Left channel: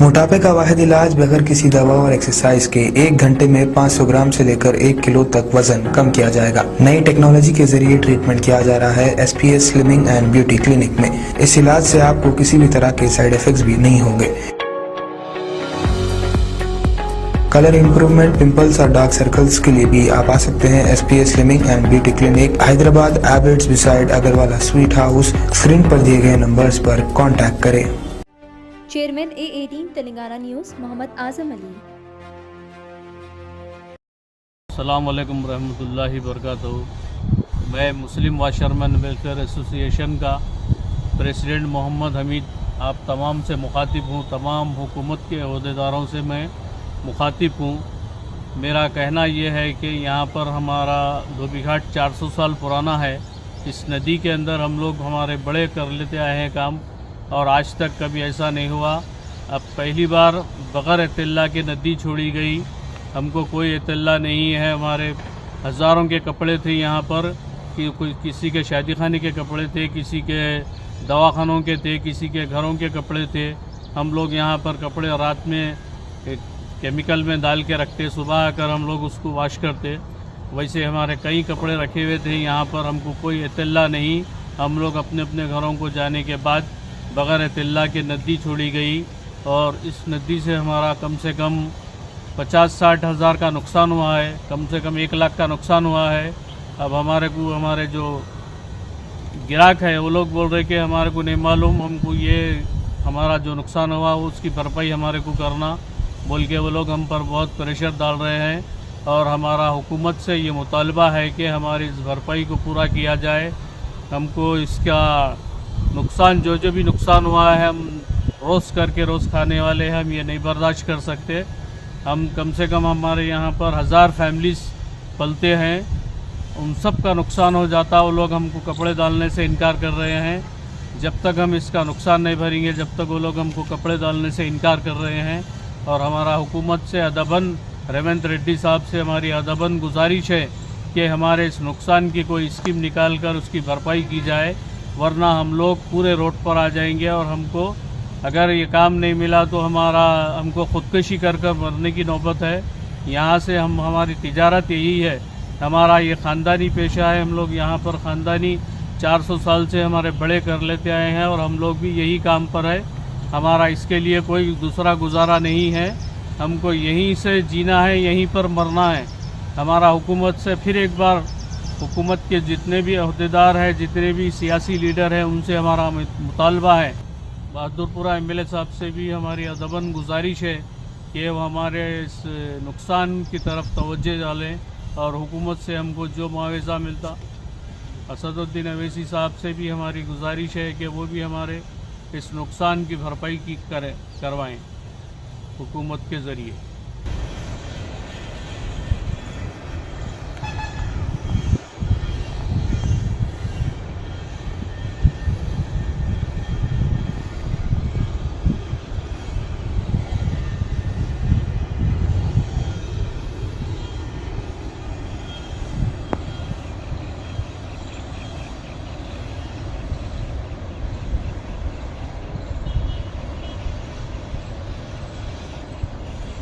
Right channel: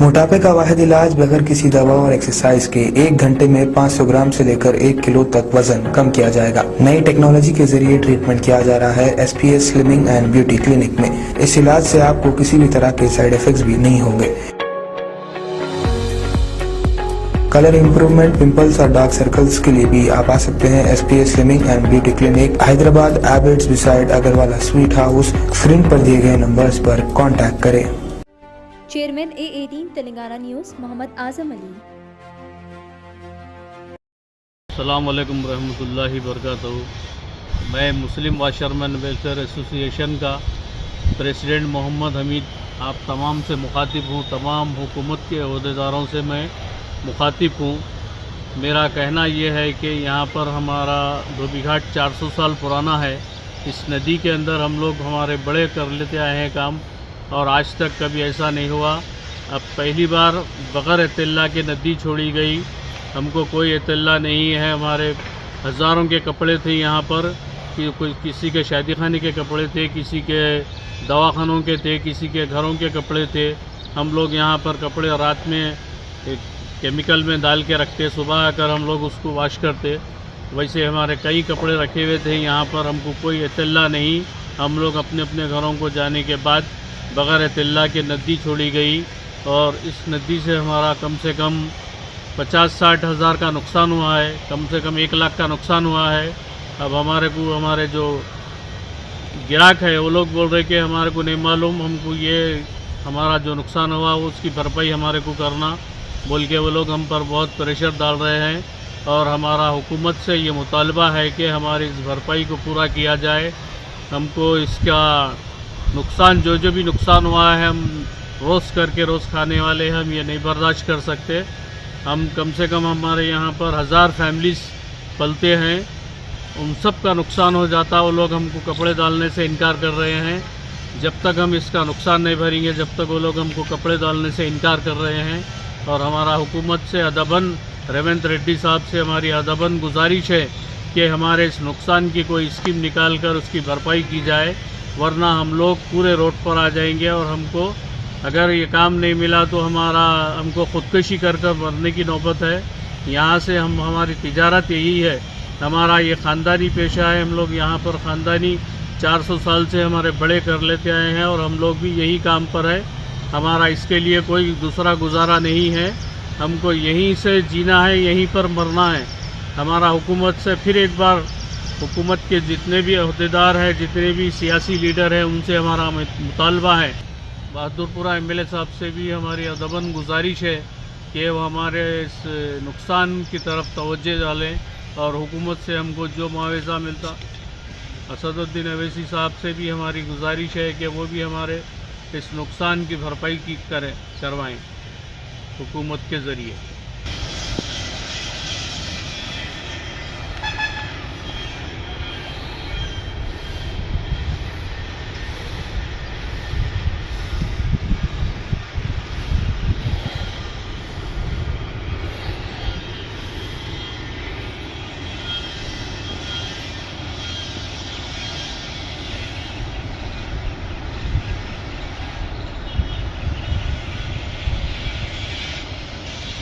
موٹاپے کا واحد علاج بغیر کسی دوا اور ایکسرسائز کے 1 گھنٹے میں 500 گرام سے لے کر 1 کلو تک وزن کم کیا جائے گا۔ نئی ٹیکنالوجی کے ذریعے ٹریٹمنٹ کیا جا رہا ہے S P S slimming and beauty clinic میں۔ اس علاج سے آپ کو کسی بھی طرح کے سائیڈ ایفیکٹس بھی نہیں ہوں گے۔ کلر امپروومنٹ، پمپلز اور ڈارک سرکلز کے لیے بھی آپ آ سکتے ہیں S P S slimming and beauty clinic, Hyderabad, Abids beside Agarwala sweet house. Screen پر دیے گئے نمبرز پر کانٹیکٹ کریں۔ Chairman A18 Telangana news Mohammed Azam Ali. السلام علیکم ورحمۃ اللہ وبرکاتہ۔ میں مسلم واشرمین ویلفیئر ایسوسی ایشن کا پریزیڈنٹ محمد حمید آپ تمام سے مخاطب ہوں، تمام حکومت کے عہدیداروں سے میں مخاطب ہوں۔ میرا کہنا یہ ہے کہ یہاں پر ہمارا دھوبی گھاٹ 400 سال پرانا ہے۔ اس ندی کے اندر ہم لوگ ہمارے بڑے کر لیتے آئے ہیں کام، اور آج تک کبھی ایسا نہیں ہوا۔ اب پہلی بار بغیر اطلاع کے ندی چھوڑی گئی، ہم کو کوئی اطلاع نہیں ہے۔ ہمارے ہزاروں کے کپڑے تھے یہاں پر، کسی کے شادی خانے کے کپڑے تھے، کسی کے دواخانوں کے تھے، کسی کے گھروں کے کپڑے تھے۔ ہم لوگ یہاں پر کپڑے رات میں کیمیکل میں ڈال کے رکھتے، صبح آ کر ہم لوگ اس کو واش کرتے۔ ویسے ہمارے کئی کپڑے رکھے ہوئے تھے یہاں پر، ہم کو کوئی اطلاع نہیں۔ ہم لوگ اپنے اپنے گھروں کو جانے کے بعد بغیر اطلاع کے ندی چھوڑی گئی، اور اس ندی سے ہمارا کم سے کم 50-60 ہزار کا نقصان ہوا ہے، کم سے کم 1 لاکھ کا نقصان ہوا ہے۔ اب ہمارے جو گراہک ہے وہ لوگ بول رہے کہ ہمارے کو نہیں معلوم، ہم کو یہ ہمارا جو نقصان ہوا اس کی بھرپائی ہمارے کو کرنا بول کے وہ لوگ ہم پر بہت پریشر ڈال رہے ہیں، اور ہمارا حکومت سے یہ مطالبہ ہے کہ ہماری اس بھرپائی کو پورا کیا جائے۔ ہم کو اس کا نقصان جو بھی نقصان ہوا ہے، ہم روز کر کے روز کھانے والے ہیں، ہم یہ نہیں برداشت کر سکتے۔ ہم کم سے کم ہمارے یہاں پر 1000 فیملیز پلتے ہیں، ان سب کا نقصان ہو جاتا۔ وہ لوگ ہم کو کپڑے ڈالنے سے انکار کر رہے ہیں۔ جب تک ہم اس کا نقصان نہیں بھریں گے، جب تک وہ لوگ ہم کو کپڑے ڈالنے سے انکار کر رہے ہیں۔ اور ہمارا حکومت سے ادباً، ریونت ریڈی صاحب سے ہماری ادباً گزارش ہے کہ ہمارے اس نقصان کی کوئی اسکیم نکال کر اس کی بھرپائی کی جائے، ورنہ ہم لوگ پورے روڈ پر آ جائیں گے، اور ہم کو اگر یہ کام نہیں ملا تو ہم کو خودکشی کر مرنے کی نوبت ہے۔ یہاں سے ہماری تجارت یہی ہے، ہمارا یہ خاندانی پیشہ ہے۔ ہم لوگ یہاں پر خاندانی 400 سال سے ہمارے بڑے کر لیتے آئے ہیں، اور ہم لوگ بھی یہی کام پر ہے۔ ہمارا اس کے لیے کوئی دوسرا گزارا نہیں ہے، ہم کو یہیں سے جینا ہے، یہیں پر مرنا ہے۔ ہمارا حکومت سے پھر ایک بار، حکومت کے جتنے بھی عہدیدار ہیں، جتنے بھی سیاسی لیڈر ہیں، ان سے ہمارا مطالبہ ہے۔ بہادر پورہ ایم ایل اے صاحب سے بھی ہماری ادباً گزارش ہے کہ وہ ہمارے اس نقصان کی طرف توجہ ڈالیں، اور حکومت سے ہم کو جو معاوضہ ملتا۔ اسد الدین اویسی صاحب سے بھی ہماری گزارش ہے کہ وہ بھی ہمارے اس نقصان کی بھرپائی کروائیں حکومت کے ذریعے۔